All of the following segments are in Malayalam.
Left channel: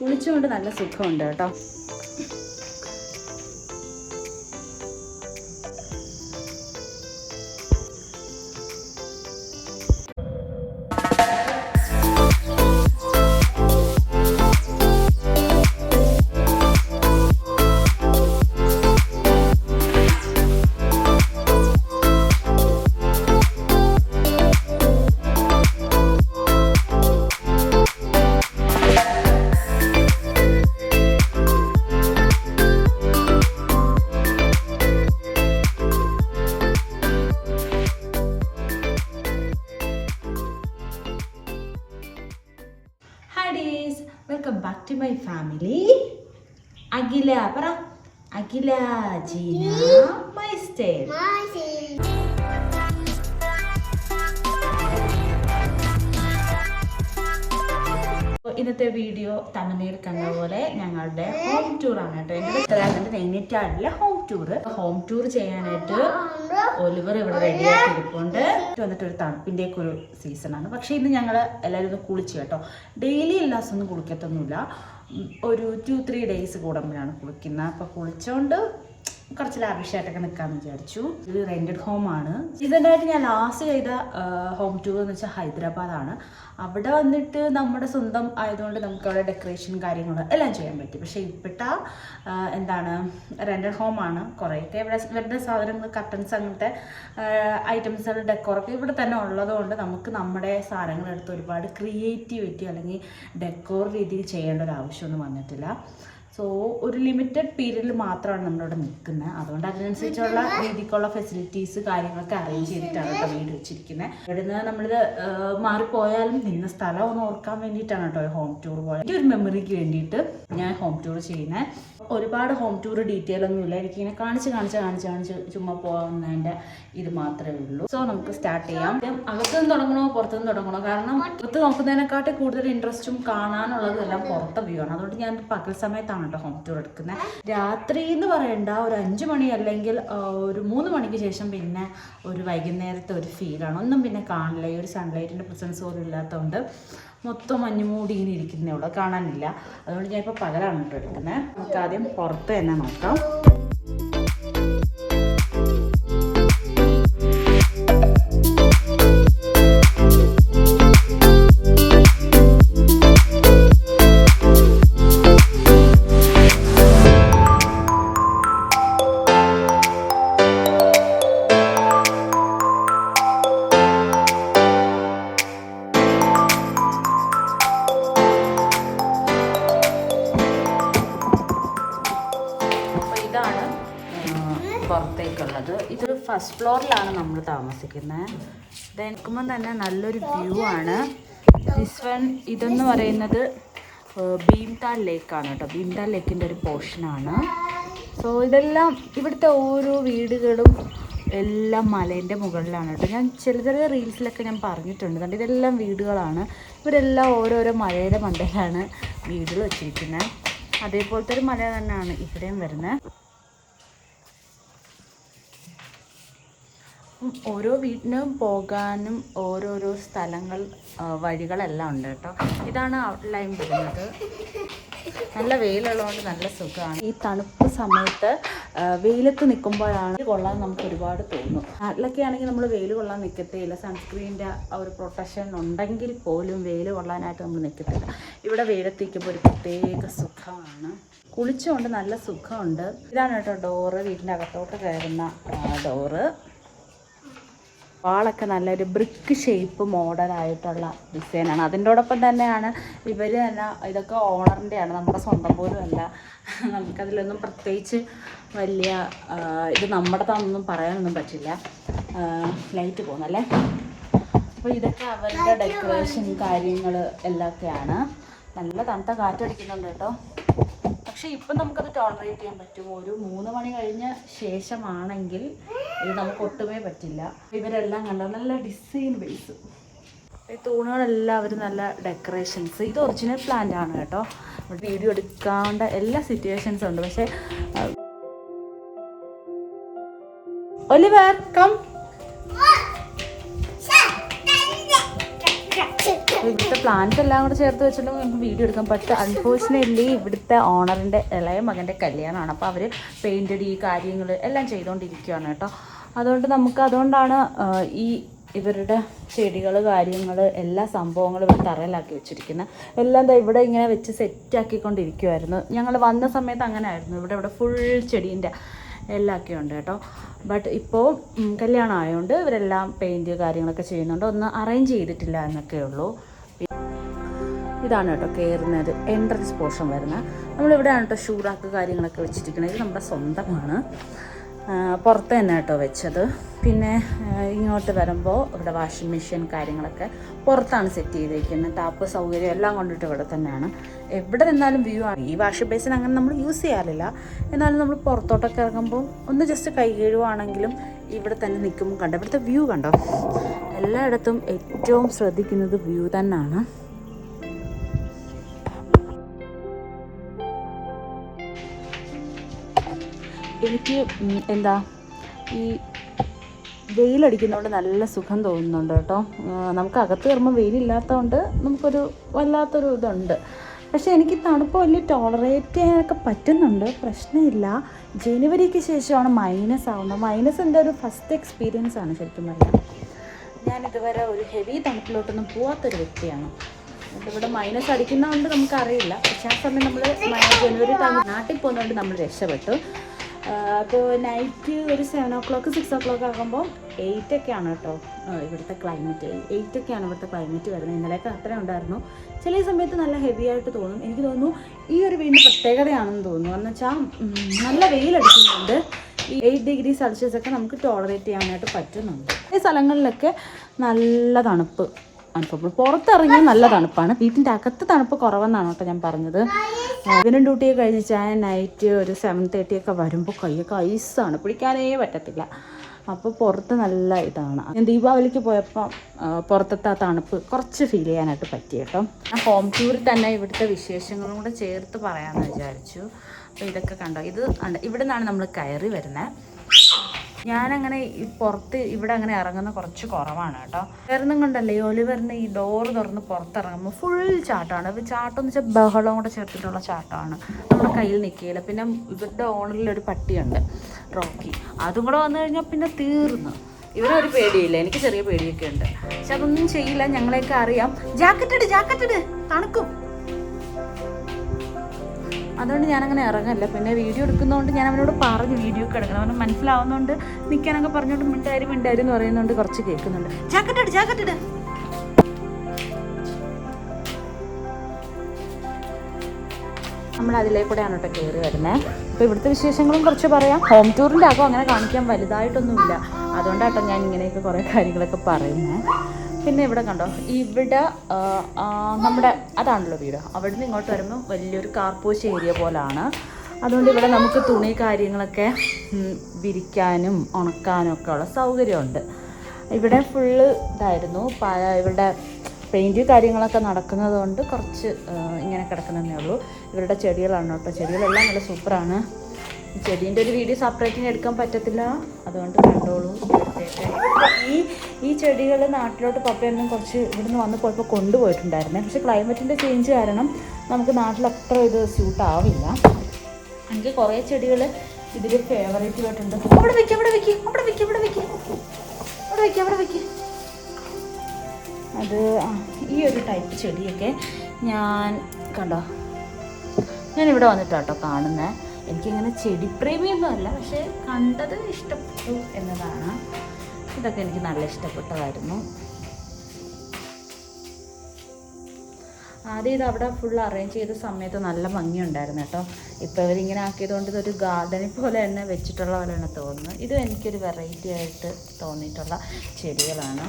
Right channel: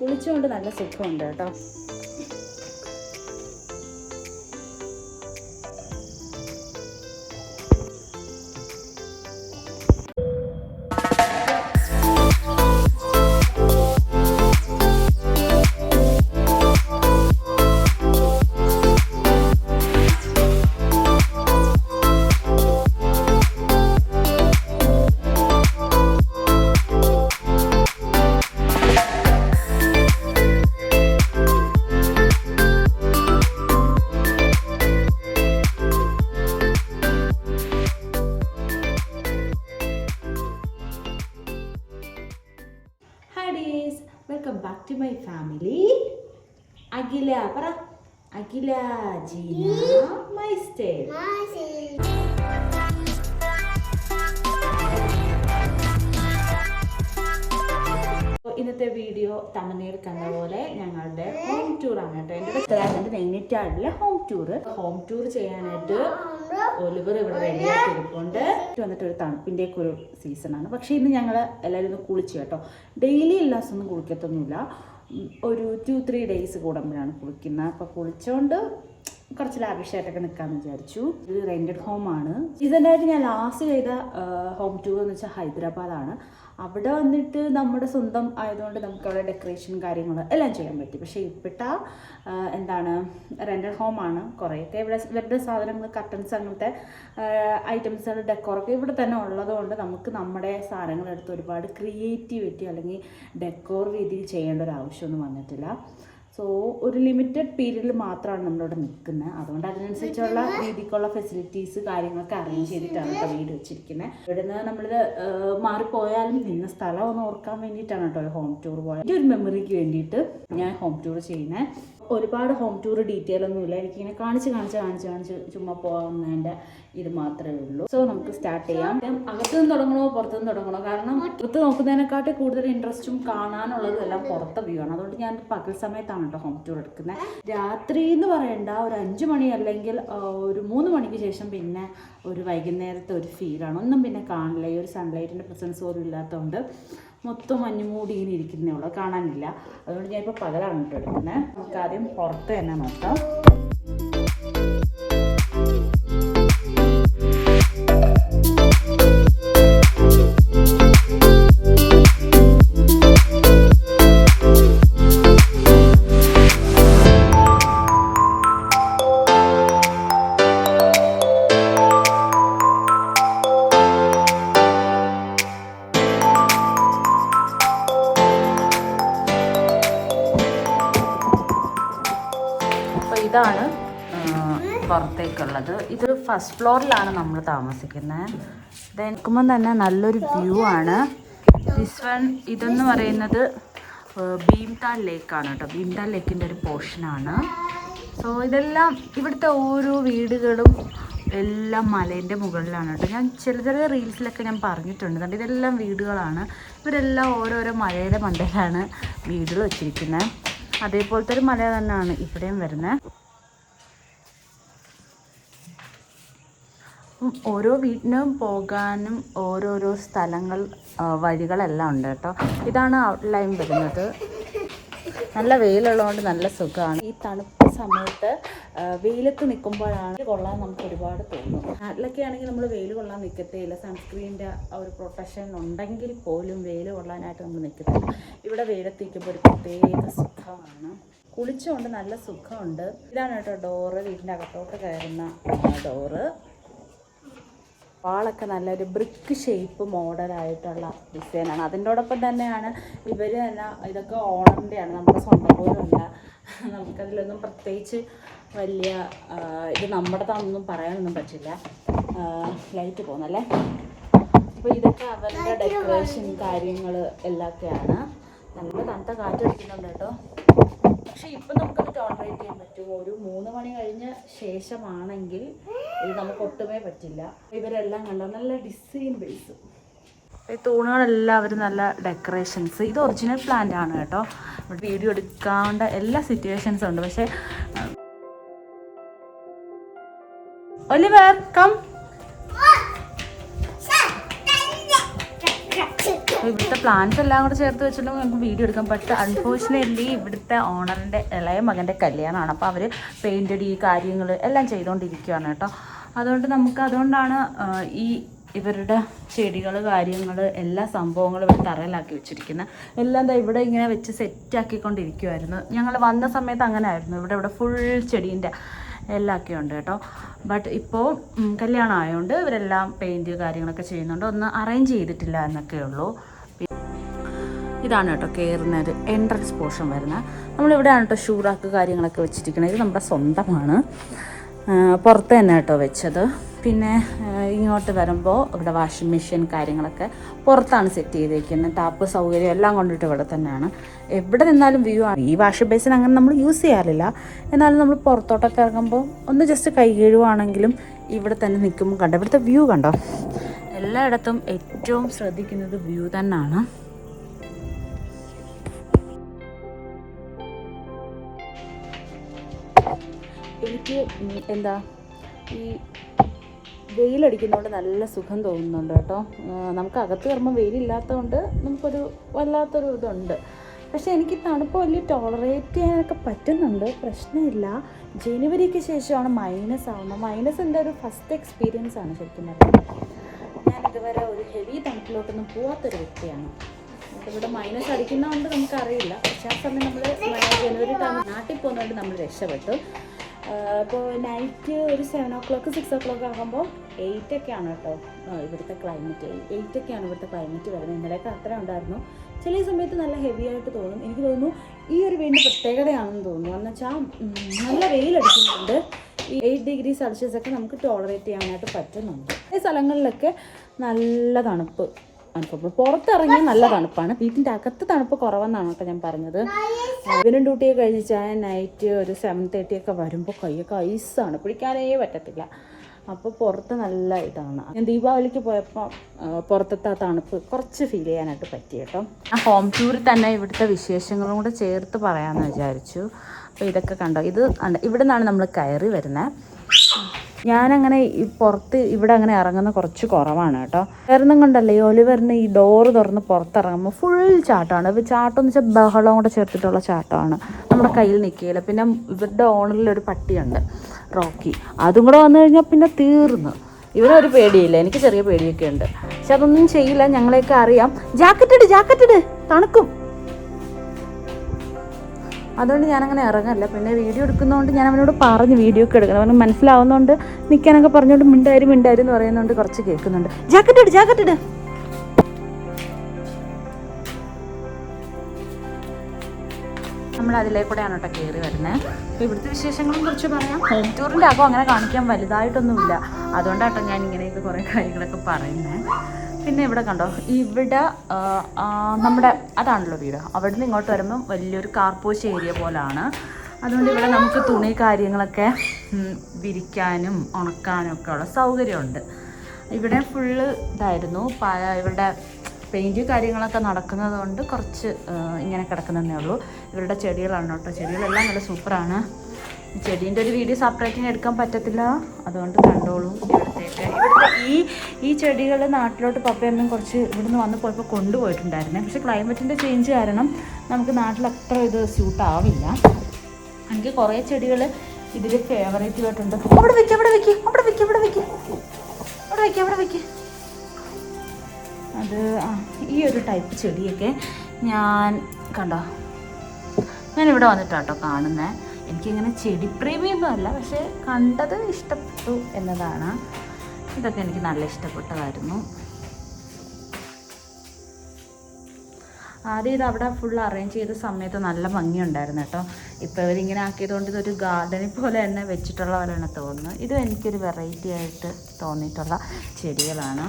കുളിച്ചുകൊണ്ട് നല്ല സുഖമുണ്ട് കേട്ടോ. Welcome back to my family. Akhila പറ. Akhila Jeena my style. ഇന്നത്തെ വീഡിയോ തമിഴ്നാട് കണ്ട പോലെ ഞങ്ങളുടെ ഹോം ടൂർ ആണ് കേട്ടോ. എൻ്റെ ഉത്തരാഖണ്ഡ് നൈനിറ്റാളിലെ ഹോം ടൂർ ചെയ്യാനായിട്ട് ഒലിവർ ഇവിടെ റെഡിയാക്കി ഇരിപ്പുണ്ട്. വന്നിട്ട് ഒരു തണുപ്പിൻ്റെ ഒക്കെ ഒരു സീസണാണ്. പക്ഷേ ഇന്ന് ഞങ്ങൾ എല്ലാവരും ഒന്ന് കുളിച്ചു കേട്ടോ. ഡെയിലി എല്ലാ ദിവസമൊന്നും കുളിക്കത്തൊന്നുമില്ല, ഒരു 2-3 ഡേയ്സ് കൂടുമ്പോഴാണ് കുളിക്കുന്നത്. അപ്പോൾ കുളിച്ചുകൊണ്ട് കുറച്ച് ലാവിഷായിട്ടൊക്കെ നിൽക്കാമെന്ന് വിചാരിച്ചു. ഇത് റെൻറ്റഡ് ഹോമാണ്. ഇതിനായിട്ട് ഞാൻ ലാസ്റ്റ് ചെയ്ത ഹോം ടൂർ എന്ന് വെച്ചാൽ ഹൈദരാബാദാണ്. അവിടെ വന്നിട്ട് നമ്മുടെ സ്വന്തം ആയതുകൊണ്ട് നമുക്ക് അവിടെ ഡെക്കറേഷൻ കാര്യങ്ങൾ എല്ലാം ചെയ്യാൻ പറ്റി. പക്ഷേ ഇപ്പോഴത്തെ എന്താണ് റെൻറ്റഡ് ഹോമാണ്. കുറേയൊക്കെ ഇവിടെ ഇവരുടെ സാധനങ്ങൾ കർട്ടൻസ് അങ്ങനത്തെ ഐറ്റംസുകൾ ഡെക്കോറൊക്കെ ഇവിടെ തന്നെ ഉള്ളതുകൊണ്ട് നമുക്ക് നമ്മുടെ സാധനങ്ങളെടുത്ത് ഒരുപാട് ക്രിയേറ്റിവിറ്റി അല്ലെങ്കിൽ ഡെക്കോർ രീതിയിൽ ചെയ്യേണ്ട ഒരു ആവശ്യമൊന്നും വന്നിട്ടില്ല. സോ ഒരു ലിമിറ്റഡ് പീരീഡിൽ മാത്രമാണ് നമ്മളിവിടെ നിൽക്കുന്നത്. അതുകൊണ്ട് അതിനനുസരിച്ചുള്ള രീതിക്കുള്ള ഫെസിലിറ്റീസ് കാര്യങ്ങളൊക്കെ അറേഞ്ച് ചെയ്തിട്ടാണ് കേട്ടോ വീട് വെച്ചിരിക്കുന്നത്. ഇവിടുന്ന് നമ്മളിത് മാറിപ്പോയാലും നിന്ന സ്ഥലം ഒന്ന് ഓർക്കാൻ വേണ്ടിയിട്ടാണ് കേട്ടോ ഒരു ഹോം ടൂർ പോയത്. എൻ്റെ ഒരു മെമ്മറിക്ക് വേണ്ടിയിട്ട് ഞാൻ ഹോം ടൂർ ചെയ്യുന്നത്. ഒരുപാട് ഹോം ടൂർ ഡീറ്റെയിൽ ഒന്നുമില്ല, എനിക്കിങ്ങനെ കാണിച്ച് ചുമ്മാ പോകുന്നതിൻ്റെ ഇത് മാത്രമേ ഉള്ളൂ. സോ നമുക്ക് സ്റ്റാർട്ട് ചെയ്യാം. അകത്തുനിന്ന് തുടങ്ങണോ പുറത്തുനിന്ന് തുടങ്ങണോ? കാരണം പുറത്ത് നോക്കുന്നതിനെക്കാട്ടി കൂടുതൽ ഇൻട്രസ്റ്റും കാണാനുള്ളതും എല്ലാം പുറത്തെ വ്യൂ ആണ്. അതുകൊണ്ട് ഞാൻ പകൽ സമയത്താണ് കേട്ടോ ഹോം ടൂർ എടുക്കുന്നത്. രാത്രി എന്ന് പറയണ്ട, ഒരു 5 മണി അല്ലെങ്കിൽ ഒരു 3 മണിക്ക് ശേഷം പിന്നെ ഒരു വൈകുന്നേരത്തെ ഒരു ഫീലാണ്. ഒന്നും പിന്നെ കാണില്ല, ഈ ഒരു സൺലൈറ്റിൻ്റെ പ്രസൻസ് പോലും ഇല്ലാത്തതുകൊണ്ട് മൊത്തം മഞ്ഞുമൂടി ഇങ്ങനെ ഇരിക്കുന്നേ ഉള്ളൂ, കാണാനില്ല. അതുകൊണ്ട് ഞാൻ ഇപ്പോൾ പകലാണ് കേട്ടോ എടുക്കുന്നത്. നമുക്ക് ആദ്യം പുറത്ത് തന്നെ നോക്കാം. ഇതാണ് പുറത്തേക്കുള്ളത്. ഇതൊരു ഫസ്റ്റ് ഫ്ലോറിലാണ് നമ്മൾ താമസിക്കുന്നത്. ഇത് നിൽക്കുമ്പോൾ തന്നെ നല്ലൊരു വ്യൂ ആണ്. ഇതെന്ന് പറയുന്നത് ഭീംതാൽ ലേക്കാണ് കേട്ടോ. ഭീംതാൽ ലേക്കിൻ്റെ ഒരു പോർഷനാണ്. സോ ഇതെല്ലാം ഇവിടുത്തെ ഓരോ വീടുകളും എല്ലാം മലേൻ്റെ മുകളിലാണ് കേട്ടോ. ഞാൻ ചെറിയ റീൽസിലൊക്കെ ഞാൻ പറഞ്ഞിട്ടുണ്ട്. കണ്ട് ഇതെല്ലാം വീടുകളാണ്. ഇവരെല്ലാം ഓരോരോ മലയുടെ മണ്ടയിലാണ് വീടുകൾ വെച്ചിരിക്കുന്നത്. അതേപോലത്തെ ഒരു മല തന്നെയാണ് ഇവിടെയും വരുന്നത്. ഓരോ വീട്ടിനും പോകാനും ഓരോരോ സ്ഥലങ്ങൾ വഴികളെല്ലാം ഉണ്ട് കേട്ടോ. ഇതാണ് ഔട്ട്ലൈൻ വരുന്നത്. നല്ല വെയിലുള്ളതുകൊണ്ട് നല്ല സുഖമാണ്. ഈ തണുപ്പ് സമയത്ത് വെയിലത്ത് നിൽക്കുമ്പോഴാണ് കൊള്ളാൻ നമുക്ക് ഒരുപാട് തോന്നും. നാട്ടിലൊക്കെ ആണെങ്കിൽ നമ്മൾ വെയിൽ കൊള്ളാൻ നിൽക്കത്തേയില്ല. സൺസ്ക്രീനിൻ്റെ ആ ഒരു പ്രൊട്ടക്ഷൻ ഉണ്ടെങ്കിൽ പോലും വെയിൽ കൊള്ളാനായിട്ട് നമ്മൾ നിൽക്കത്തില്ല. ഇവിടെ വെയിലത്ത് നിൽക്കുമ്പോൾ ഒരു പ്രത്യേക സുഖമാണ്. കുളിച്ചുകൊണ്ട് നല്ല സുഖമുണ്ട്. ഇതാണ് കേട്ടോ ഡോറ്, വീടിൻ്റെ അകത്തോട്ട് കയറുന്ന ഡോറ്. വാളൊക്കെ നല്ലൊരു ബ്രിക്ക് ഷേപ്പ് മോഡലായിട്ടുള്ള ഡിസൈനാണ്. അതിൻ്റോടൊപ്പം തന്നെയാണ് ഇവർ തന്നെ ഇതൊക്കെ ഓണറിൻ്റെയാണ്, നമ്മുടെ സ്വന്തം പോലും അല്ല. നമുക്കതിലൊന്നും പ്രത്യേകിച്ച് വലിയ ഇത് നമ്മുടെ താണെന്നൊന്നും പറയാനൊന്നും പറ്റില്ല. ലൈറ്റ് പോകുന്നല്ലേ. അപ്പോൾ ഇതൊക്കെ അവരുടെ ഡെക്കറേഷൻ കാര്യങ്ങൾ എല്ലാമൊക്കെയാണ്. നല്ല തണുത്ത കാറ്റടിക്കുന്നുണ്ട് കേട്ടോ. പക്ഷേ ഇപ്പം നമുക്കത് ടോളറേറ്റ് ചെയ്യാൻ പറ്റും. ഒരു 3 മണി കഴിഞ്ഞ ശേഷമാണെങ്കിൽ ഇത് നമുക്ക് ഒട്ടുമേ പറ്റില്ല. ഇവരെല്ലാം കണ്ട നല്ല ഡിസൈൻ ബേസ്. ഈ തൂണുകളെല്ലാം അവർ നല്ല ഡെക്കറേഷൻസ്. ഇത് ഒറിജിനൽ പ്ലാന്റ് ആണ് കേട്ടോ. വീഡിയോ എടുക്കാണ്ട എല്ലാ സിറ്റുവേഷൻസും ഉണ്ട്. പക്ഷേ ഒലിവർ കം. ഇവിടുത്തെ പ്ലാൻസ് എല്ലാം കൂടെ ചേർത്ത് വെച്ചിട്ടുണ്ടെങ്കിൽ നമുക്ക് വീഡിയോ എടുക്കാം. പക്ഷേ അൺഫോർച്ചുനേറ്റ്ലി ഇവിടുത്തെ ഓണറിൻ്റെ ഇളയ മകൻ്റെ കല്യാണമാണ്. അപ്പോൾ അവർ പെയിൻ്റ് അടി കാര്യങ്ങൾ എല്ലാം ചെയ്തുകൊണ്ടിരിക്കുകയാണ് കേട്ടോ. അതുകൊണ്ടാണ് ഈ ഇവരുടെ ചെടികൾ കാര്യങ്ങൾ എല്ലാ സംഭവങ്ങളും ഇവിടെ തറയിലാക്കി വെച്ചിരിക്കുന്നത്. എല്ലാം എന്താ ഇവിടെ ഇങ്ങനെ വെച്ച് സെറ്റാക്കിക്കൊണ്ടിരിക്കുമായിരുന്നു. ഞങ്ങൾ വന്ന സമയത്ത് അങ്ങനെ ആയിരുന്നു. ഇവിടെ ഫുൾ ചെടീൻ്റെ എല്ലാമൊക്കെ ഉണ്ട് കേട്ടോ. ബട്ട് ഇപ്പോൾ കല്യാണം ആയതുകൊണ്ട് ഇവരെല്ലാം പെയിൻറ്റ് കാര്യങ്ങളൊക്കെ ചെയ്യുന്നുണ്ട്. ഒന്ന് അറേഞ്ച് ചെയ്തിട്ടില്ല എന്നൊക്കെ ഉള്ളൂ. ഇതാണ് കേട്ടോ കയറുന്നത് എൻട്രൻസ് പോർഷൻ വരുന്നത്. നമ്മളിവിടെയാണ് കേട്ടോ ഷൂ റാക്ക് കാര്യങ്ങളൊക്കെ വെച്ചിരിക്കുന്നത്. ഇത് നമ്മുടെ സ്വന്തമാണ്, പുറത്ത് തന്നെ കേട്ടോ വെച്ചത്. പിന്നെ ഇങ്ങോട്ട് വരുമ്പോൾ ഇവിടെ വാഷിംഗ് മെഷീൻ കാര്യങ്ങളൊക്കെ പുറത്താണ് സെറ്റ് ചെയ്തേക്കുന്നത്. ടാപ്പ് സൗകര്യം എല്ലാം കൊണ്ടിട്ട് ഇവിടെ തന്നെയാണ്. എവിടെ നിന്നാലും വ്യൂ ആണ്. ഈ വാഷിംഗ് ബേസിൻ അങ്ങനെ നമ്മൾ യൂസ് ചെയ്യാറില്ല. എന്നാലും നമ്മൾ പുറത്തോട്ടൊക്കെ ഇറങ്ങുമ്പോൾ ഒന്ന് ജസ്റ്റ് കൈ കഴുകുവാണെങ്കിലും ഇവിടെ തന്നെ നിൽക്കുമ്പോൾ കണ്ടോ ഇവിടുത്തെ വ്യൂ കണ്ടോ. എല്ലായിടത്തും ഏറ്റവും ശ്രദ്ധിക്കുന്നത് വ്യൂ തന്നെയാണ്. എനിക്ക് എന്താ ഈ വെയിലടിക്കുന്നതുകൊണ്ട് നല്ല സുഖം തോന്നുന്നുണ്ട് കേട്ടോ. നമുക്ക് അകത്ത് കയറുമ്പോൾ വെയിലില്ലാത്തതുകൊണ്ട് നമുക്കൊരു വല്ലാത്തൊരു ഇതുണ്ട്. പക്ഷേ എനിക്ക് തണുപ്പ് വലിയ ടോളറേറ്റ് ചെയ്യാനൊക്കെ പറ്റുന്നുണ്ട്, പ്രശ്നമില്ല. ജനുവരിക്ക് ശേഷമാണ് മൈനസ് ആവുന്നത്. മൈനസ് എൻ്റെ ഒരു ഫസ്റ്റ് എക്സ്പീരിയൻസ് ആണ് ശരിക്കും പറഞ്ഞാൽ. ഞാൻ ഇതുവരെ ഒരു ഹെവി തണുപ്പിലോട്ടൊന്നും പോവാത്തൊരു വ്യക്തിയാണ്. ഇവിടെ മൈനസ് അടിക്കുന്നതുകൊണ്ട് നമുക്കറിയില്ല. പക്ഷേ ആ സമയം നമ്മൾ ജനുവരി ടൈം നാട്ടിൽ പോകുന്നതുകൊണ്ട് നമ്മൾ രക്ഷപ്പെട്ടു. അപ്പോൾ നൈറ്റ് ഒരു 7 o'clock 6 o'clock ആകുമ്പോൾ 8 ഒക്കെയാണ് കേട്ടോ ഇവിടുത്തെ ക്ലൈമറ്റ്. 8 ഒക്കെയാണ് ഇവിടുത്തെ ക്ലൈമറ്റ് വരുന്നത്. ഇന്നലെയൊക്കെ അത്ര ഉണ്ടായിരുന്നു. ചില സമയത്ത് നല്ല ഹെവി ആയിട്ട് തോന്നും. എനിക്ക് തോന്നുന്നു ഈ ഒരു വീടിൻ്റെ പ്രത്യേകതയാണെന്ന് തോന്നുന്നു. എന്ന് വെച്ചാൽ നല്ല വെയിലടിക്കുന്നുണ്ട്. ഈ 8 degree Celsius ഒക്കെ നമുക്ക് ടോളറേറ്റ് ചെയ്യാനായിട്ട് പറ്റുന്നുണ്ട്. ഈ സ്ഥലങ്ങളിലൊക്കെ നല്ല തണുപ്പ് അനുഭവപ്പെടും. പുറത്തിറങ്ങിയാൽ നല്ല തണുപ്പാണ്. വീട്ടിൻ്റെ അകത്ത് തണുപ്പ് കുറവെന്നാണ് കേട്ടോ ഞാൻ പറഞ്ഞത്. ഇവനും ഡ്യൂട്ടിയൊക്കെ കഴിഞ്ഞാൽ നൈറ്റ് ഒരു 7:30 ഒക്കെ വരുമ്പോൾ കൈയൊക്കെ ഐസാണ്, പിടിക്കാനേ പറ്റത്തില്ല. അപ്പോൾ പുറത്ത് നല്ല ഇതാണ്. ഞാൻ ദീപാവലിക്ക് പോയപ്പോൾ പുറത്തത്തെ ആ തണുപ്പ് കുറച്ച് ഫീൽ ചെയ്യാനായിട്ട് പറ്റി കേട്ടോ. ആ ഹോം ടൂറിൽ തന്നെ ഇവിടുത്തെ വിശേഷങ്ങളും കൂടെ ചേർത്ത് പറയാമെന്ന് വിചാരിച്ചു. അപ്പോൾ ഇതൊക്കെ കണ്ടോ, ഇത് ഇവിടെ നിന്നാണ് നമ്മൾ കയറി വരുന്നത്. ഞാനങ്ങനെ ഈ പുറത്ത് ഇവിടെ അങ്ങനെ ഇറങ്ങുന്ന കുറച്ച് കുറവാണ് കേട്ടോ. വരുന്നും കൊണ്ടല്ലേ ഈ ഒലിവറിന് ഈ ഡോറ് തുറന്ന് പുറത്തിറങ്ങുമ്പോൾ ഫുൾ ചാട്ടമാണ്. ഇപ്പോൾ ചാട്ടം എന്ന് വെച്ചാൽ ബഹളം കൂടെ ചേർത്തിട്ടുള്ള ചാട്ടമാണ്. നമ്മുടെ കയ്യിൽ നിൽക്കുകയില്ല. പിന്നെ ഇവരുടെ ഓണറിലൊരു പട്ടിയുണ്ട് റോക്കി, അതും കൂടെ വന്നു കഴിഞ്ഞാൽ പിന്നെ തീർന്നു. ഇവരൊരു പേടിയില്ല, എനിക്ക് ചെറിയ പേടിയൊക്കെ ഉണ്ട്. പക്ഷെ അതൊന്നും ചെയ്യില്ല, ഞങ്ങളെയൊക്കെ അറിയാം. ജാക്കറ്റ് ഇട് തണുക്കും. അതുകൊണ്ട് ഞാനങ്ങനെ ഇറങ്ങല്ല. പിന്നെ വീഡിയോ എടുക്കുന്നതുകൊണ്ട് ഞാൻ അവനോട് പറഞ്ഞ് വീഡിയോ ഒക്കെ എടുക്കണം. അവന് മനസ്സിലാവുന്നതുകൊണ്ട് നിൽക്കാനൊക്കെ പറഞ്ഞുകൊണ്ട് മിണ്ടാരും എന്ന് പറയുന്നതുകൊണ്ട് കുറച്ച് കേൾക്കുന്നുണ്ട്. ജാക്കറ്റ് ഇട്. നമ്മൾ അതിലേക്കൂടെയാണ് കേട്ടോ കയറി വരുന്നത്. അപ്പോൾ ഇവിടുത്തെ വിശേഷങ്ങളും കുറച്ച് പറയാം. ഹോം ടൂറിൻ്റെ ആകും അങ്ങനെ കാണിക്കാൻ വലുതായിട്ടൊന്നുമില്ല. അതുകൊണ്ടാട്ടോ ഞാൻ ഇങ്ങനെയൊക്കെ കുറേ കാര്യങ്ങളൊക്കെ പറയുന്നത്. പിന്നെ ഇവിടെ കണ്ടോ, ഇവിടെ നമ്മുടെ അതാണല്ലോ വീട്. അവിടെ നിന്ന് ഇങ്ങോട്ട് വരുമ്പം വലിയൊരു കാർപോഷ് ഏരിയ പോലാണ്. അതുകൊണ്ട് ഇവിടെ നമുക്ക് തുണി കാര്യങ്ങളൊക്കെ വിരിക്കാനും ഉണക്കാനും ഒക്കെ ഉള്ള സൗകര്യമുണ്ട്. ഇവിടെ ഫുള്ള് ഇതായിരുന്നു. ഇവരുടെ പെയിൻറ്റ് കാര്യങ്ങളൊക്കെ നടക്കുന്നത് കൊണ്ട് കുറച്ച് ഇങ്ങനെ കിടക്കുന്നതേ ഉള്ളൂ. ഇവരുടെ ചെടികളാണ് കേട്ടോ. ചെടികളെല്ലാം നല്ല സൂപ്പറാണ്. ഈ ചെടീൻ്റെ ഒരു വീഡിയോ സെപ്പറേറ്റിന് എടുക്കാൻ പറ്റത്തില്ല, അതുകൊണ്ട് കണ്ടോളൂ. ഇവിടുത്തേക്ക് ഈ ചെടികൾ നാട്ടിലോട്ട് പപ്പയൊന്നും കുറച്ച് ഇവിടുന്ന് വന്ന് പോയപ്പോൾ കൊണ്ടുപോയിട്ടുണ്ടായിരുന്നേ. പക്ഷേ ക്ലൈമറ്റിൻ്റെ ചേഞ്ച് കാരണം നമുക്ക് നാട്ടിൽ അത്ര ഇത് സ്യൂട്ട് ആവില്ല. എനിക്ക് കുറേ ചെടികൾ ഇതിൽ ഫേവറേറ്റ് ആയിട്ടുണ്ട്. അവിടെ വെക്ക്. അത് ഈ ഒരു ടൈപ്പ് ചെടിയൊക്കെ ഞാനിവിടെ വന്നിട്ടാട്ടോ കാണുന്നത്. എനിക്കിങ്ങനെ ചെടിപ്രേമിയൊന്നും അല്ല, പക്ഷേ കണ്ടത് ഇഷ്ടപ്പെട്ടു എന്നതാണ്. ഇതൊക്കെ എനിക്ക് നല്ല ഇഷ്ടപ്പെട്ടതായിരുന്നു. ആദ്യം ഇത് അവിടെ ഫുൾ അറേഞ്ച് ചെയ്ത സമയത്ത് നല്ല ഭംഗിയുണ്ടായിരുന്നു കേട്ടോ. ഇപ്പോൾ ഇവരിങ്ങനെ ആക്കിയതുകൊണ്ട് ഇതൊരു ഗാർഡനിൽ പോലെ തന്നെ വെച്ചിട്ടുള്ള പോലെയാണ് തോന്നുന്നത്. ഇത് എനിക്കൊരു വെറൈറ്റി ആയിട്ട് തോന്നിയിട്ടുള്ള ചെടികളാണ്.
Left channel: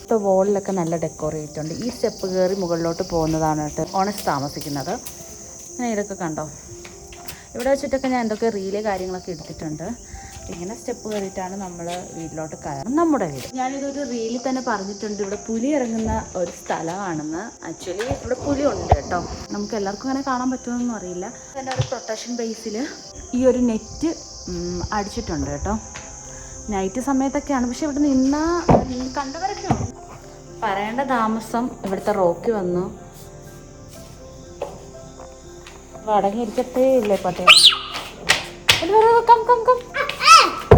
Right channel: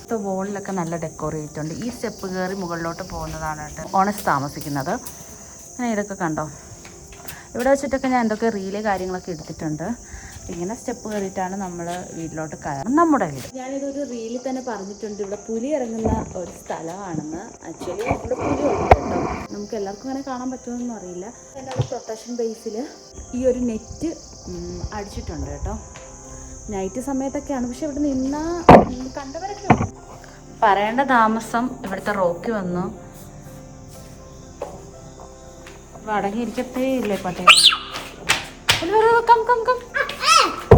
ഇപ്പോൾ വോളിലൊക്കെ നല്ല ഡെക്കോറേറ്റ് ഉണ്ട്. ഈ സ്റ്റെപ്പ് കയറി മുകളിലോട്ട് പോകുന്നതാണ് കേട്ടോ ഓണസ് താമസിക്കുന്നത്. അങ്ങനെ ഇതൊക്കെ കണ്ടോ, ഇവിടെ വെച്ചിട്ടൊക്കെ ഞാൻ എന്തൊക്കെ റീല് കാര്യങ്ങളൊക്കെ എടുത്തിട്ടുണ്ട്. ഇങ്ങനെ സ്റ്റെപ്പ് കയറിയിട്ടാണ് നമ്മൾ വീട്ടിലോട്ട് കയറുന്നത്. നമ്മുടെ വീട് ഞാനിതൊരു റീലിൽ തന്നെ പറഞ്ഞിട്ടുണ്ട്, ഇവിടെ പുലി ഇറങ്ങുന്ന ഒരു സ്ഥലമാണെന്ന്. ആക്ച്വലി ഇവിടെ പുലി ഉണ്ട് കേട്ടോ. നമുക്ക് എല്ലാവർക്കും അങ്ങനെ കാണാൻ പറ്റുമെന്നൊന്നും അറിയില്ല. പിന്നെ ഒരു പ്രൊട്ടക്ഷൻ ബേസിൽ ഈ ഒരു നെറ്റ് അടിച്ചിട്ടുണ്ട് കേട്ടോ. നൈറ്റ് സമയത്തൊക്കെയാണ്. പക്ഷെ ഇവിടെ നിന്ന കണ്ടവരൊക്കെ ഉണ്ട്. പറയേണ്ട താമസം ഇവിടുത്തെ റോക്കി വന്നു. അടങ്ങിയിരിക്കത്തേ ഇല്ലേ പട്ടേ.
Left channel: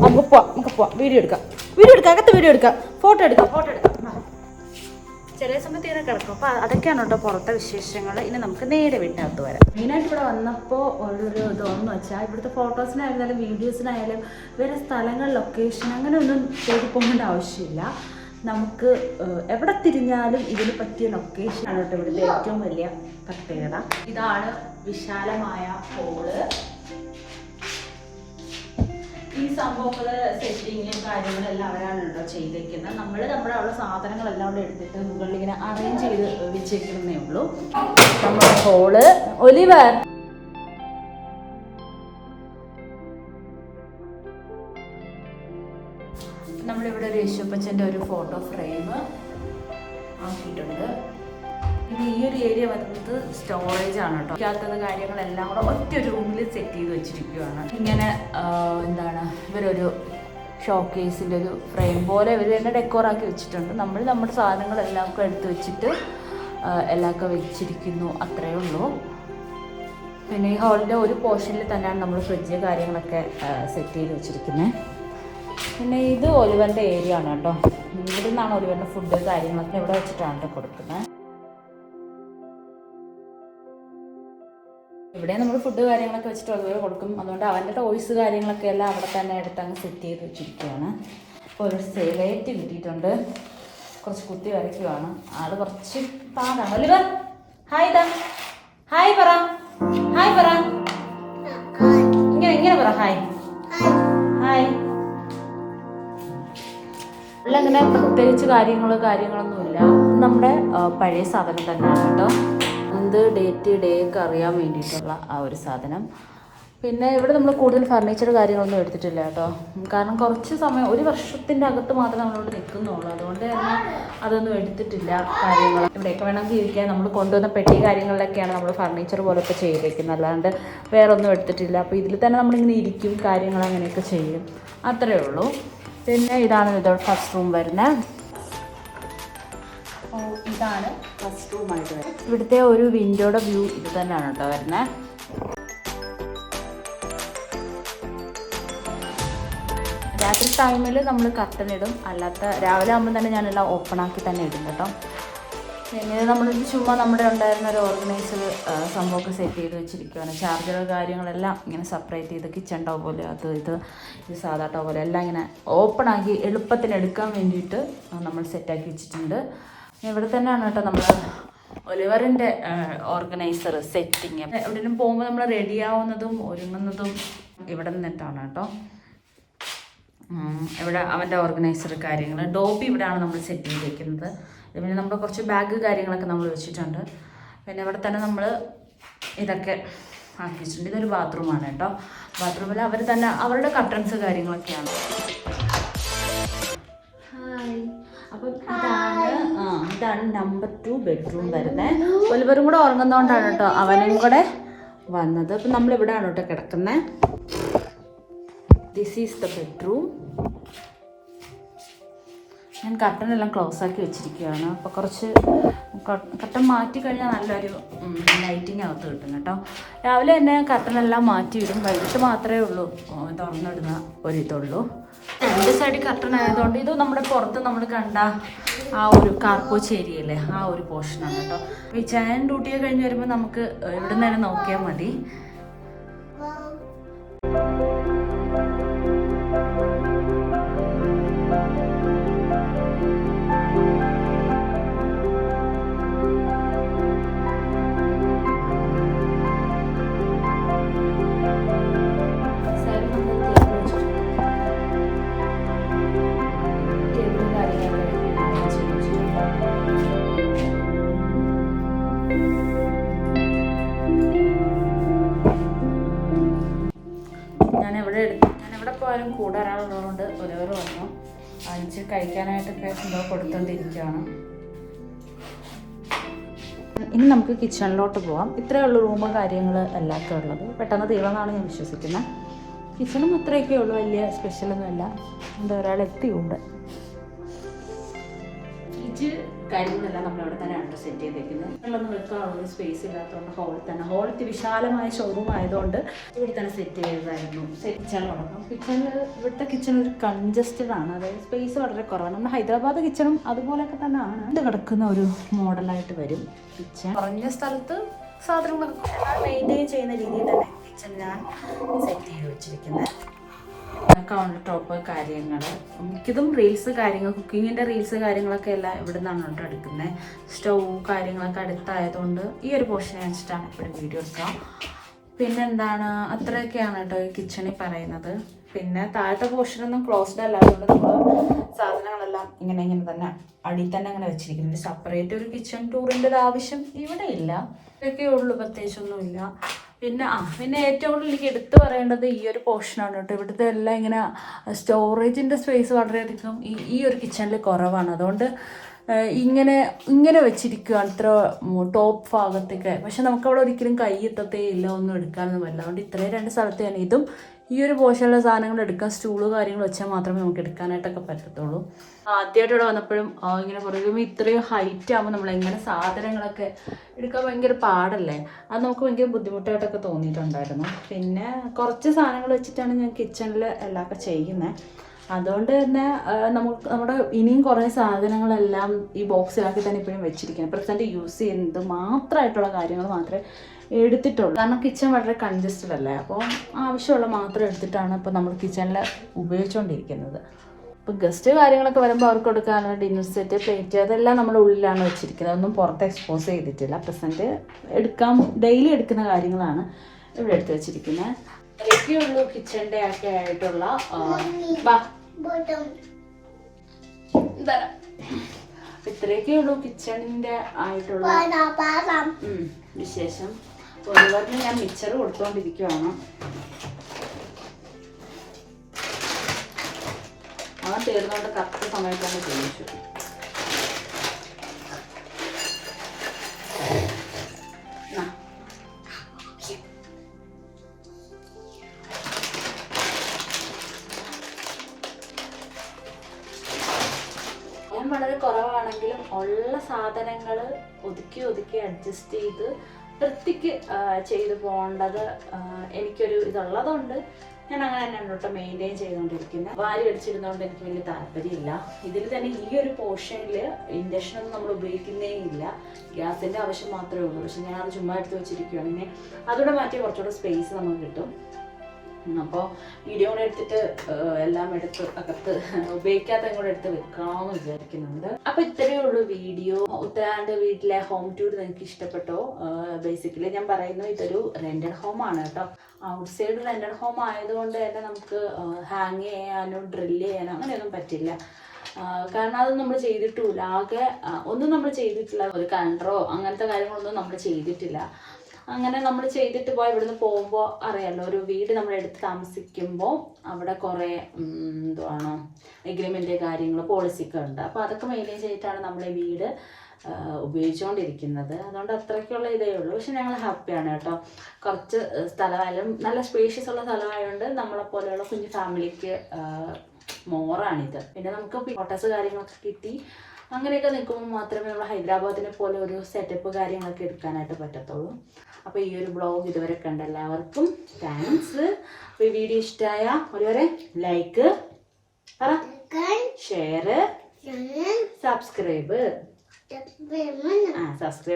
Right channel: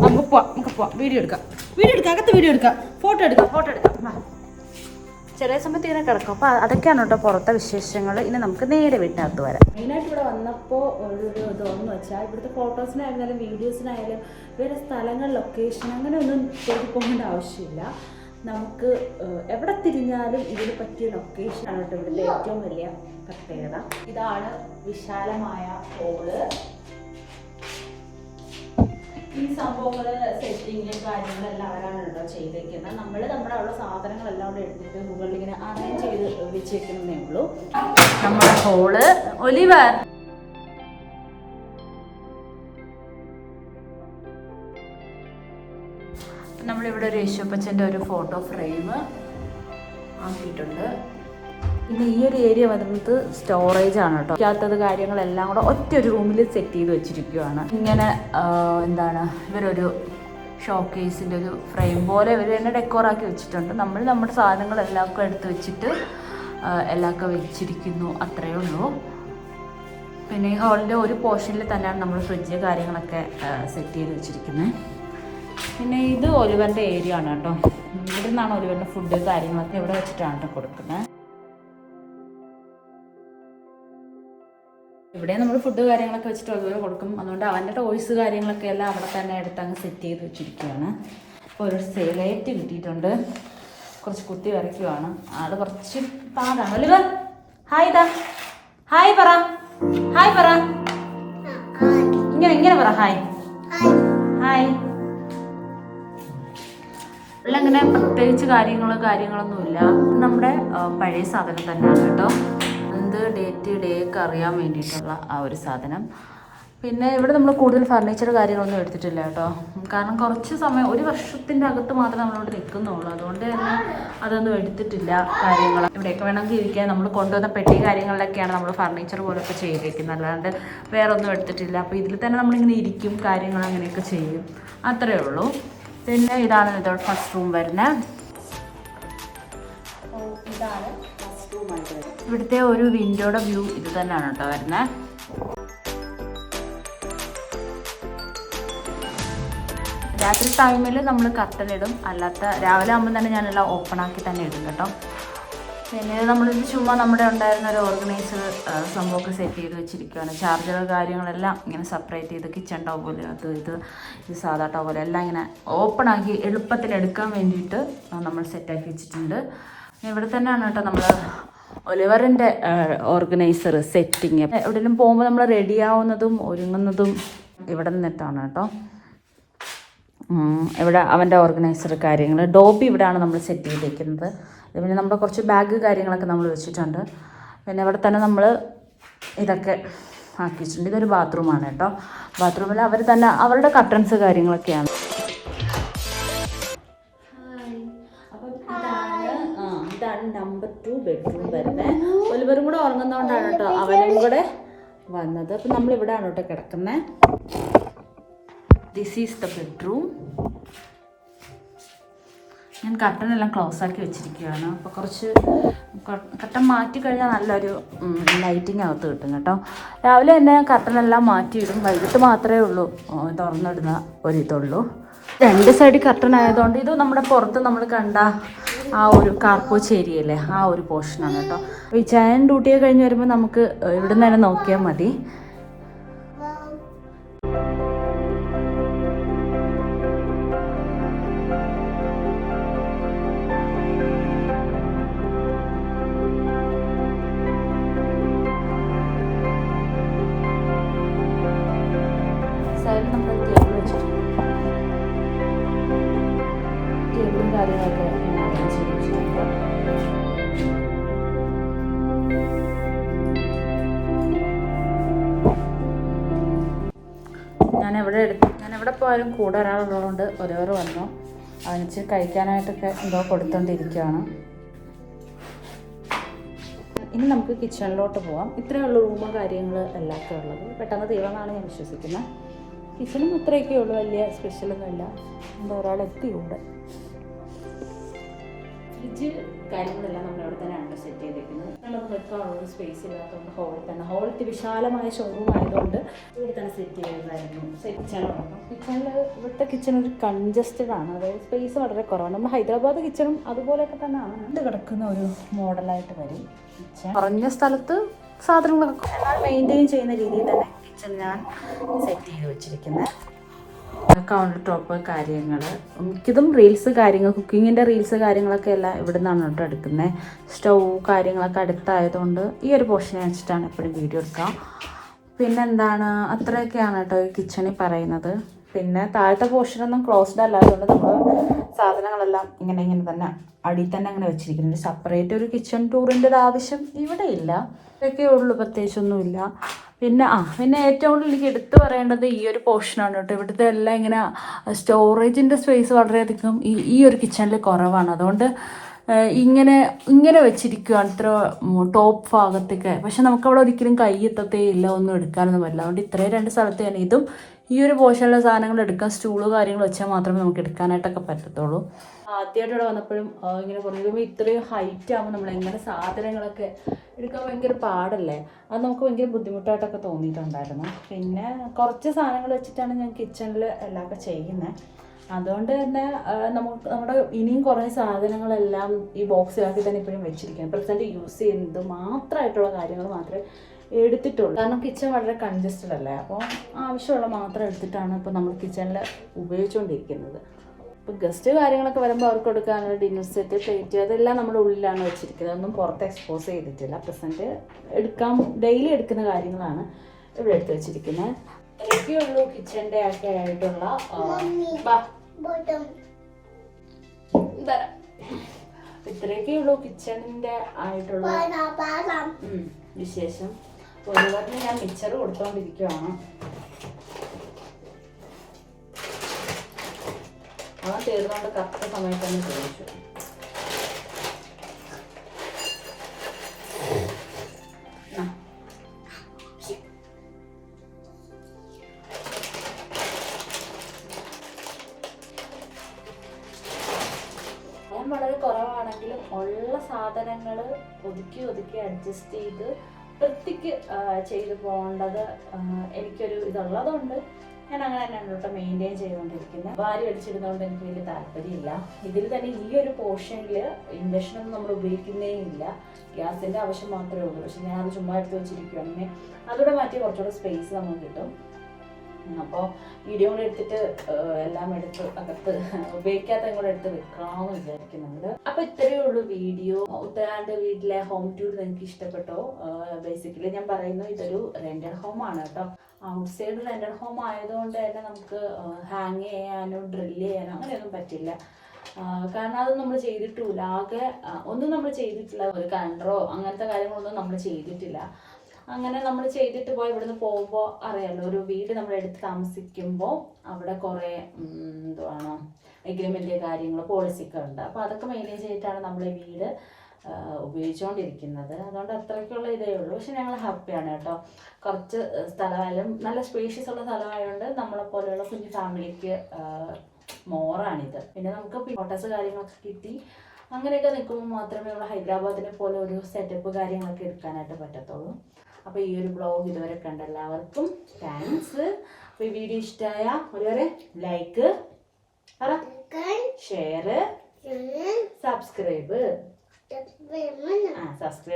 നമുക്ക് പോവാം. വീഡിയോ എടുക്കാം, അകത്ത് വീഡിയോ എടുക്കാം, ഫോട്ടോ എടുക്കാം. ചെറിയ സമയത്ത് ഇങ്ങനെ കിടക്കും. അപ്പോൾ അതൊക്കെയാണ് കേട്ടോ പുറത്തെ വിശേഷങ്ങൾ. ഇനി നമുക്ക് നേരെ വീട്ടിനകത്ത് വരാം. മെയിനായിട്ട് ഇവിടെ വന്നപ്പോൾ ഒരു ഇതെന്ന് വെച്ചാൽ ഇവിടുത്തെ ഫോട്ടോസിനായിരുന്നാലും വീഡിയോസിനായാലും വേറെ സ്ഥലങ്ങൾ ലൊക്കേഷൻ അങ്ങനെ ഒന്നും തേടി പോകേണ്ട ആവശ്യമില്ല. നമുക്ക് എവിടെ തിരിഞ്ഞാലും ഇതിന് പറ്റിയ ലൊക്കേഷനാണ് കേട്ടോ ഇവിടുത്തെ ഏറ്റവും വലിയ പ്രത്യേകത. ഇതാണ് വിശാലമായ ഹോള്. ഈ സംഭവങ്ങള് സെറ്റിങ്ങും കാര്യങ്ങളെല്ലാം അവരാണ് കേട്ടോ ചെയ്തേക്കുന്നത്. നമ്മുടെ ഉള്ള സാധനങ്ങളെല്ലാം അവിടെ എടുത്തിട്ട് മുകളിൽ ഇങ്ങനെ അറേഞ്ച് ചെയ്ത് വെച്ചേക്കുന്നേ ഉള്ളൂ. നമ്മുടെ ഹോള്. ഒലിവർ നമ്മളിവിടെ ഒരു യേശുപ്പച്ചൻ്റെ ഒരു ഫോട്ടോ ഫ്രെയിം ആക്കിയിട്ടുണ്ട്. പിന്നെ ഈ ഒരു ഏരിയ വന്നിട്ട് സ്റ്റോറേജ് ആണ് കേട്ടോ. ഇല്ലാത്തത് കാര്യങ്ങളെല്ലാം കൂടെ ഒറ്റ ഒരു റൂമിൽ സെറ്റ് ചെയ്ത് വെച്ചിരിക്കുകയാണ്. ഇങ്ങനെ എന്താണ് ഇവരൊരു ഷോക്കേസിൻ്റെ ഒരു ഫ്രെയിം പോലെ ഇവർ തന്നെ ഡെക്കോറാക്കി വെച്ചിട്ടുണ്ട്. നമ്മൾ നമ്മുടെ സാധനങ്ങളെല്ലാം എടുത്ത് വെച്ചിട്ട് എല്ലാമൊക്കെ വെച്ചിരിക്കുന്നു, അത്രയേ ഉള്ളൂ. പിന്നെ ഈ ഹാളിൻ്റെ ഒരു പോർഷനിൽ തന്നെയാണ് നമ്മൾ ഫ്രിഡ്ജ് കാര്യങ്ങളൊക്കെ സെറ്റ് ചെയ്ത് വെച്ചിരിക്കുന്നത്. പിന്നെ ഇത് ഒലിവറിൻ്റെ ഏരിയ ആണ് കേട്ടോ. ഇവിടെ നിന്നാണ് ഒലിവറിൻ്റെ ഫുഡ് കാര്യങ്ങളൊക്കെ ഇവിടെ വെച്ചിട്ടാണ് കേട്ടോ കൊടുക്കുന്നത്. ഇവിടെ നമ്മൾ ഫുഡ് കാര്യങ്ങളൊക്കെ വെച്ചിട്ട് ഒലിവർ കൊടുക്കും. അതുകൊണ്ട് അവൻ്റെ ടോയ്സ് കാര്യങ്ങളൊക്കെ എല്ലാം അവിടെ തന്നെ എടുത്ത് അങ്ങ് സെറ്റ് ചെയ്ത് വെച്ചിരിക്കുകയാണ്. അപ്പോൾ ഒരു ലൈറ്റ് കിട്ടിയിട്ടുണ്ട്. കുറച്ച് കുത്തി വരയ്ക്കുവാണ്. ആൾ കുറച്ച് പാടാണ്. ഒലിവർ ഹായ് പറ ഇങ്ങനെ പറ ഹായ്. അങ്ങനെ പ്രത്യേകിച്ച് കാര്യങ്ങളൊന്നുമില്ല. നമ്മുടെ പഴയ സാധനം തന്നെയാണ് കേട്ടോ. എന്ത് ഡേ ഒക്കെ അറിയാൻ വേണ്ടിയിട്ടുള്ള ആ ഒരു സാധനം. പിന്നെ ഇവിടെ നമ്മൾ കൂടുതൽ ഫർണിച്ചർ കാര്യങ്ങളൊന്നും എടുത്തിട്ടില്ല കേട്ടോ. കാരണം കുറച്ച് സമയം, ഒരു വർഷത്തിൻ്റെ അകത്ത് മാത്രമേ നമ്മളിവിടെ നിൽക്കുന്നുള്ളൂ. അതുകൊണ്ട് തന്നെ അതൊന്നും എടുത്തിട്ടില്ല കാര്യങ്ങൾ. ഇവിടെയൊക്കെ വേണമെങ്കിൽ ഇരിക്കാൻ നമ്മൾ കൊണ്ടുവന്ന പെട്ടി കാര്യങ്ങളിലൊക്കെയാണ് നമ്മൾ ഫർണിച്ചർ പോലൊക്കെ ചെയ്തേക്കുന്നത്. അല്ലാണ്ട് വേറെ ഒന്നും എടുത്തിട്ടില്ല. അപ്പോൾ ഇതിൽ തന്നെ നമ്മളിങ്ങനെ ഇരിക്കും, കാര്യങ്ങൾ അങ്ങനെയൊക്കെ ചെയ്യും, അത്രയേ ഉള്ളൂ. പിന്നെ ഇതാണ് ഇതോടെ ഫസ്റ്റ് റൂം വരുന്നത്. ഇതാണ് ഫസ്റ്റ് റൂമായിട്ട് വരുന്നത്. ഇവിടുത്തെ ഒരു വിൻഡോയുടെ വ്യൂ ഇത് തന്നെയാണ് കേട്ടോ വരുന്നത്. രാത്രി ടൈമിൽ നമ്മൾ കർട്ടൻ ഇടും, അല്ലാത്ത രാവിലെ ആകുമ്പോൾ തന്നെ ഞാനെല്ലാം ഓപ്പൺ ആക്കി തന്നെ ഇടും കേട്ടോ. പിന്നെ നമ്മൾ ചുമ്മാ നമ്മുടെ ഉണ്ടായിരുന്ന ഒരു ഓർഗനൈസർ സംഭവമൊക്കെ സെറ്റ് ചെയ്ത് വെച്ചിരിക്കുകയാണ്. ചാർജർ കാര്യങ്ങളെല്ലാം ഇങ്ങനെ സെപ്പറേറ്റ് ചെയ്ത് കിച്ചൺ ടോ പോലെ ഇത് സാധാ ടോ പോലെ എല്ലാം ഇങ്ങനെ ഓപ്പൺ ആക്കി എളുപ്പത്തിന് എടുക്കാൻ വേണ്ടിയിട്ട് നമ്മൾ സെറ്റാക്കി വെച്ചിട്ടുണ്ട്. ഇവിടെ തന്നെയാണ് കേട്ടോ നമ്മൾ ഒലിവറിൻ്റെ ഓർഗനൈസർ സെറ്റിങ്. എവിടെയെങ്കിലും പോകുമ്പോൾ നമ്മൾ റെഡിയാവുന്നതും ഒരുങ്ങുന്നതും ഇവിടെ നിന്നിട്ടാണ് കേട്ടോ. ഇവിടെ അവൻ്റെ ഓർഗനൈസർ കാര്യങ്ങൾ ഡോബി ഇവിടെയാണ് നമ്മൾ സെറ്റ് ചെയ്ത് വെക്കുന്നത്. പിന്നെ നമ്മൾ കുറച്ച് ബാഗ് കാര്യങ്ങളൊക്കെ നമ്മൾ വെച്ചിട്ടുണ്ട്. പിന്നെ ഇവിടെ തന്നെ നമ്മൾ ഇതൊക്കെ ആക്കി വെച്ചിട്ടുണ്ട്. ഇതൊരു ബാത്റൂമാണ് കേട്ടോ. ബാത്റൂമിൽ അവർ തന്നെ അവരുടെ കർട്ടൻസ് കാര്യങ്ങളൊക്കെയാണ്. അപ്പം ഇതാണ് നമ്പർ 2 ബെഡ്റൂം വരുന്നത്. ഒലിവറും കൂടെ ഉറങ്ങുന്നതുകൊണ്ടാണ് കേട്ടോ അവനും കൂടെ വന്നത്. അപ്പം നമ്മളിവിടെയാണ് കേട്ടോ കിടക്കുന്നത്. This is the bedroom. ഞാൻ കർട്ടനെല്ലാം ക്ലോസ് ആക്കി വെച്ചിരിക്കുകയാണ്. അപ്പോൾ കുറച്ച് കർട്ടൻ മാറ്റി കഴിഞ്ഞാൽ നല്ലൊരു ലൈറ്റിങ് അകത്ത് കിട്ടും കേട്ടോ. രാവിലെ തന്നെ കർട്ടനെല്ലാം മാറ്റിയിടും. വൈകിട്ട് മാത്രമേ ഉള്ളൂ തുറന്നിടുന്ന ഒരിതുള്ളൂ. 2 സൈഡിൽ കർട്ടൻ ആയതുകൊണ്ട് ഇത് നമ്മുടെ പുറത്ത് നമ്മൾ കണ്ട ആ ഒരു കാർപോച്ച് ഏരിയല്ലേ, ആ ഒരു പോർഷനാണ് കേട്ടോ. ഈ ചായൻ ഡ്യൂട്ടിയൊക്കെ കഴിഞ്ഞ് വരുമ്പോൾ നമുക്ക് ഇവിടെ നിന്ന് തന്നെ നോക്കിയാൽ മതി. ഞാനെവിടെ പോയാലും കൂടെ ഒരാളുള്ളതുകൊണ്ട് ഒരേറെ വന്നു വാങ്ങിച്ച് കഴിക്കാനായിട്ടൊക്കെ എന്തോ കൊടുത്തോണ്ടിരിക്കുകയാണ്. ഇനി നമുക്ക് കിച്ചണിലോട്ട് പോവാം. ഇത്രയേ ഉള്ളൂ റൂമും കാര്യങ്ങൾ എല്ലാമൊക്കെ ഉള്ളത്. പെട്ടെന്ന് തീർന്നാണ് ഞാൻ വിശ്വസിക്കുന്നത്. കിച്ചണും അത്രയൊക്കെ ഉള്ളൂ, വലിയ സ്പെഷ്യലൊന്നുമല്ല. എന്താ ഒരാൾ എത്തിയുണ്ട്. ഫ്രിഡ്ജ് കാര്യങ്ങളെല്ലാം നമ്മളവിടെ തന്നെയാണ് സെറ്റ് ചെയ്തേക്കുന്നത്. നമ്മളൊന്നും വെക്കാനുള്ള സ്പേസ് ഇല്ലാത്തതുകൊണ്ട് ഹോളിൽ തന്നെ, ഹോളിൽ വിശാലമായ ഷോറൂം ആയതുകൊണ്ട് ഇവിടെ തന്നെ സെറ്റ് ചെയ്തതായിരുന്നു. കിച്ചണിലുണ്ടാകും. ഇവിടുത്തെ കിച്ചൺ ഒരു കൺജസ്റ്റഡ് ആണ്, അതായത് സ്പേസ് വളരെ കുറവാണ്. നമ്മൾ ഹൈദരാബാദ് കിച്ചണും അതുപോലെയൊക്കെ തന്നെ ആണ്. ഇത് കിടക്കുന്ന ഒരു മോഡലായിട്ട് വരും കിച്ചൺ. കുറഞ്ഞ സ്ഥലത്ത് സാധനങ്ങളൊക്കെ മെയിൻറ്റെയിൻ ചെയ്യുന്ന രീതിയിൽ തന്നെ കിച്ചൺ ഞാൻ സെറ്റ് ചെയ്ത് വെച്ചിരിക്കുന്നത്. കൗണ്ടർ ടോപ്പ് കാര്യങ്ങൾ, മിക്കതും റീൽസ് കാര്യങ്ങൾ, കുക്കിങ്ങിൻ്റെ റീൽസ് കാര്യങ്ങളൊക്കെ എല്ലാം ഇവിടെ നിന്നാണ് കേട്ടോ എടുക്കുന്നത്. സ്റ്റൗ കാര്യങ്ങളൊക്കെ അടുത്തായതുകൊണ്ട് ഈ ഒരു പോർഷനെ വെച്ചിട്ടാണ് എപ്പോഴും വീഡിയോ എടുക്കുക. പിന്നെന്താണ്, അത്രയൊക്കെയാണ് കേട്ടോ ഈ കിച്ചണിൽ പറയുന്നത്. പിന്നെ താഴത്തെ പോർഷനൊന്നും ക്ലോസ്ഡ് അല്ലാത്തതുകൊണ്ട് നമ്മൾ സാധനങ്ങളെല്ലാം ഇങ്ങനെ തന്നെ അടിയിൽ തന്നെ അങ്ങനെ വെച്ചിരിക്കുന്നുണ്ട്. സെപ്പറേറ്റ് ഒരു കിച്ചൺ ടൂറിൻ്റെ ആവശ്യം ഇവിടെ ഇല്ല. ഇതൊക്കെ ഉള്ളൂ, പ്രത്യേകിച്ചൊന്നുമില്ല. പിന്നെ ഏറ്റവും കൂടുതൽ എനിക്ക് എടുത്തു പറയേണ്ടത് ഈ ഒരു പോർഷനാണ് കേട്ടോ. ഇവിടുത്തെ എല്ലാം ഇങ്ങനെ സ്റ്റോറേജിൻ്റെ സ്പേസ് വളരെയധികം ഈ ഒരു കിച്ചണിൽ കുറവാണ്. അതുകൊണ്ട് ഇങ്ങനെ വെച്ചിരിക്കുകയാണ് ഇത്ര ടോപ്പ് ഭാഗത്തൊക്കെ. പക്ഷെ നമുക്കവിടെ ഒരിക്കലും കൈ എത്തത്തേ ഇല്ല, ഒന്നും എടുക്കാനൊന്നും പറ്റില്ല. അതുകൊണ്ട് ഇത്രയും 2 സ്ഥലത്ത് തന്നെ ഇതും ഈ ഒരു പോർഷനിലെ സാധനങ്ങൾ എടുക്കാൻ സ്റ്റൂള് കാര്യങ്ങൾ വെച്ചാൽ മാത്രമേ നമുക്ക് എടുക്കാനായിട്ടൊക്കെ പറ്റത്തുള്ളൂ. ആദ്യമായിട്ട് ഇവിടെ വന്നപ്പോഴും ഇങ്ങനെ പറയുമ്പോൾ ഇത്രയും ഹൈറ്റ് ആകുമ്പോൾ നമ്മൾ എങ്ങനെ സാധനങ്ങളൊക്കെ എടുക്കാൻ ഭയങ്കര പാടല്ലേ, അത് നമുക്ക് ഭയങ്കര ബുദ്ധിമുട്ടായിട്ടൊക്കെ തോന്നിയിട്ടുണ്ടായിരുന്നു. പിന്നെ കുറച്ച് സാധനങ്ങൾ വെച്ചിട്ടാണ് ഞാൻ കിച്ചണിൽ എല്ലാമൊക്കെ ചെയ്യുന്നത്. അതുകൊണ്ട് തന്നെ നമ്മുടെ ഇനിയും കുറേ സാധനങ്ങളെല്ലാം ഈ ബോക്സിലാക്കി തന്നെ ഇപ്പോഴും വെച്ചിരിക്കുന്നത്. പ്രസൻറ്റ് യൂസ് ചെയ്യുന്നത് മാത്രമായിട്ടുള്ള കാര്യങ്ങൾ മാത്രമേ എടുത്തിട്ടുള്ളൂ. കാരണം കിച്ചൺ വളരെ കൺജസ്റ്റഡ് അല്ലേ, അപ്പോൾ ആവശ്യമുള്ള മാത്രം എടുത്തിട്ടാണ് ഇപ്പോൾ നമ്മൾ കിച്ചണിൽ ഉപയോഗിച്ചുകൊണ്ടിരിക്കുന്നത്. ഇപ്പോൾ ഗസ്റ്റ് കാര്യങ്ങളൊക്കെ വരുമ്പോൾ അവർക്ക് കൊടുക്കാനുള്ള ഡിന്നർ സെറ്റ്, പ്ലേറ്റ്, അതെല്ലാം നമ്മുടെ ഉള്ളിലാണ് വെച്ചിരിക്കുന്നത്. അതൊന്നും പുറത്ത് എക്സ്പോസ് ചെയ്തിട്ടില്ല. പ്രസൻറ്റ് ഡെയിലി എടുക്കുന്ന കാര്യങ്ങളാണ് ഇവിടെ എടുത്ത് വെച്ചിരിക്കുന്നത്. ഇതൊക്കെയുള്ളൂ കിച്ചണിൻ്റെ ഒക്കെ ആയിട്ടുള്ള ഇത്രയൊക്കെയുള്ളൂ കിച്ചണിൻ്റെ ആയിട്ടുള്ള വിശേഷം. ഒരുപാടിന് ഞാൻ മിക്സർ കൊടുത്തുകൊണ്ടിരിക്കുകയാണ്. അവൻ തീർന്നുകൊണ്ട് കറക്റ്റ് സമയത്ത് തന്നെ ചോദിച്ചു. ഞാൻ വളരെ കുറവാണെങ്കിലും ഉള്ള സാധനങ്ങൾ ഒതുക്കി അഡ്ജസ്റ്റ് ചെയ്ത് വൃത്തിക്ക് ചെയ്ത് പോകേണ്ടത് എനിക്കൊരു ഇതുള്ളതുകൊണ്ട് ഞാൻ അങ്ങനെ തന്നെയാണ് കേട്ടോ മെയിൻറ്റെയിൻ ചെയ്തുകൊണ്ടിരിക്കുന്നത്. വാരി അടിച്ചിരുന്നതുകൊണ്ട് എനിക്ക് വലിയ താല്പര്യമില്ല. ഇതിൽ തന്നെ ഈ ഒരു പോർഷനിൽ ഇൻഡക്ഷനൊന്നും നമ്മൾ ഉപയോഗിക്കുന്നേ ഇല്ല, ഗ്യാസിൻ്റെ ആവശ്യം മാത്രമേ ഉള്ളൂ. പക്ഷെ ഞാൻ അത് ചുമ്മാ എടുത്ത് വെച്ചിരിക്കുകയാണെങ്കിൽ അതുകൂടെ മാറ്റി കുറച്ചുകൂടെ സ്പേസ് നമുക്ക് കിട്ടും. അപ്പോൾ വീഡിയോ കൂടെ എടുത്തിട്ട് എല്ലാം എടുത്ത് അകത്ത് ഉപയോഗിക്കാത്തതും കൂടെ എടുത്ത് വെക്കാമെന്ന് വിചാരിക്കുന്നുണ്ട്. അപ്പോൾ ഇത്രയേ ഉള്ളൂ വീഡിയോ. ഉത്തരാണ്ട് വീട്ടിലെ ഹോം ടൂർ നിങ്ങൾക്ക് ഇഷ്ടപ്പെട്ടോ? ബേസിക്കലി ഞാൻ പറയുന്നത് ഇതൊരു റെന്റഡ് ഹോം ആണ് കേട്ടോ. ഔട്ട് സൈഡ് റെന്റഡ് ഹോം ആയതുകൊണ്ട് തന്നെ നമുക്ക് ഹാങ് ചെയ്യാനോ ഡ്രില്ല് ചെയ്യാനോ അങ്ങനെയൊന്നും പറ്റില്ല. കാരണം അത് നമ്മൾ ചെയ്തിട്ടുമില്ല. ആകെ ഒന്നും നമ്മൾ ചെയ്തിട്ടില്ല. ഒരു കണ്ടറോ അങ്ങനത്തെ കാര്യങ്ങളൊന്നും നമ്മൾ ചെയ്തിട്ടില്ല. അങ്ങനെ നമ്മൾ ചെയ്തിട്ട് ഇവിടുന്ന് പോകുമ്പോൾ അറിയാമല്ലോ, ഒരു വീട് നമ്മൾ എടുത്ത് താമസിക്കുമ്പോൾ അവിടെ കുറേ എന്തുവാണ് എഗ്രിമെൻ്റ് കാര്യങ്ങൾ പോളിസിയൊക്കെ ഉണ്ട്. അപ്പോൾ അതൊക്കെ മെയിൻറ്റെയിൻ ചെയ്തിട്ടാണ് നമ്മൾ ഈ വീട് ഉപയോഗിച്ചുകൊണ്ടിരിക്കുന്നത്. അതുകൊണ്ട് അത്രയ്ക്കുള്ള ഇതേ ഉള്ളൂ. പക്ഷെ ഞങ്ങൾ ഹാപ്പിയാണ് കേട്ടോ. കുറച്ച് സ്ഥലമായാലും നല്ല സ്പേഷ്യസ് ഉള്ള സ്ഥലമായതുകൊണ്ട് നമ്മളെപ്പോലെയുള്ള കുഞ്ഞു ഫാമിലിക്ക് മോറാണിത്. പിന്നെ നമുക്ക് ഫോട്ടോസ് കാര്യങ്ങളൊക്കെ കിട്ടി അങ്ങനെയൊക്കെ നിൽക്കുമ്പോൾ മാത്രമേ നമ്മൾ ഹൈദരാബാദിനെ പോലെ ഒരു സെറ്റപ്പ് കാര്യങ്ങളൊക്കെ എടുക്കാനായിട്ട് പറ്റത്തുള്ളൂ. അപ്പോൾ ഈ ഒരു വ്ളോഗ് ഇതുവരെ കണ്ട എല്ലാവർക്കും താങ്ക്സ്. അപ്പോൾ ഈ വീഡിയോ ഇഷ്ടമായ ഒരുവരെ ലൈക്ക്, ഷെയർ, സബ്സ്ക്രൈബ്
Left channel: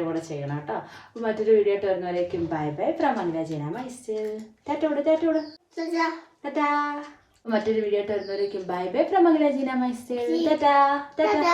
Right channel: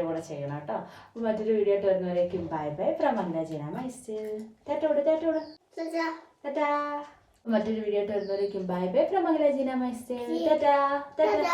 കൂടെ ചെയ്യണം കേട്ടോ. അപ്പോൾ മറ്റൊരു വീഡിയോ ആയിട്ട് വരുന്നവരേക്കും ബൈ ഫ്രം അനില മൈസ്. ടാറ്റാ. മറ്റൊരു വീഡിയോ ആയിട്ട് വരുന്നവരേക്കും ബൈ ഫ്രം അനില മൈസ്. ടാറ്റാ.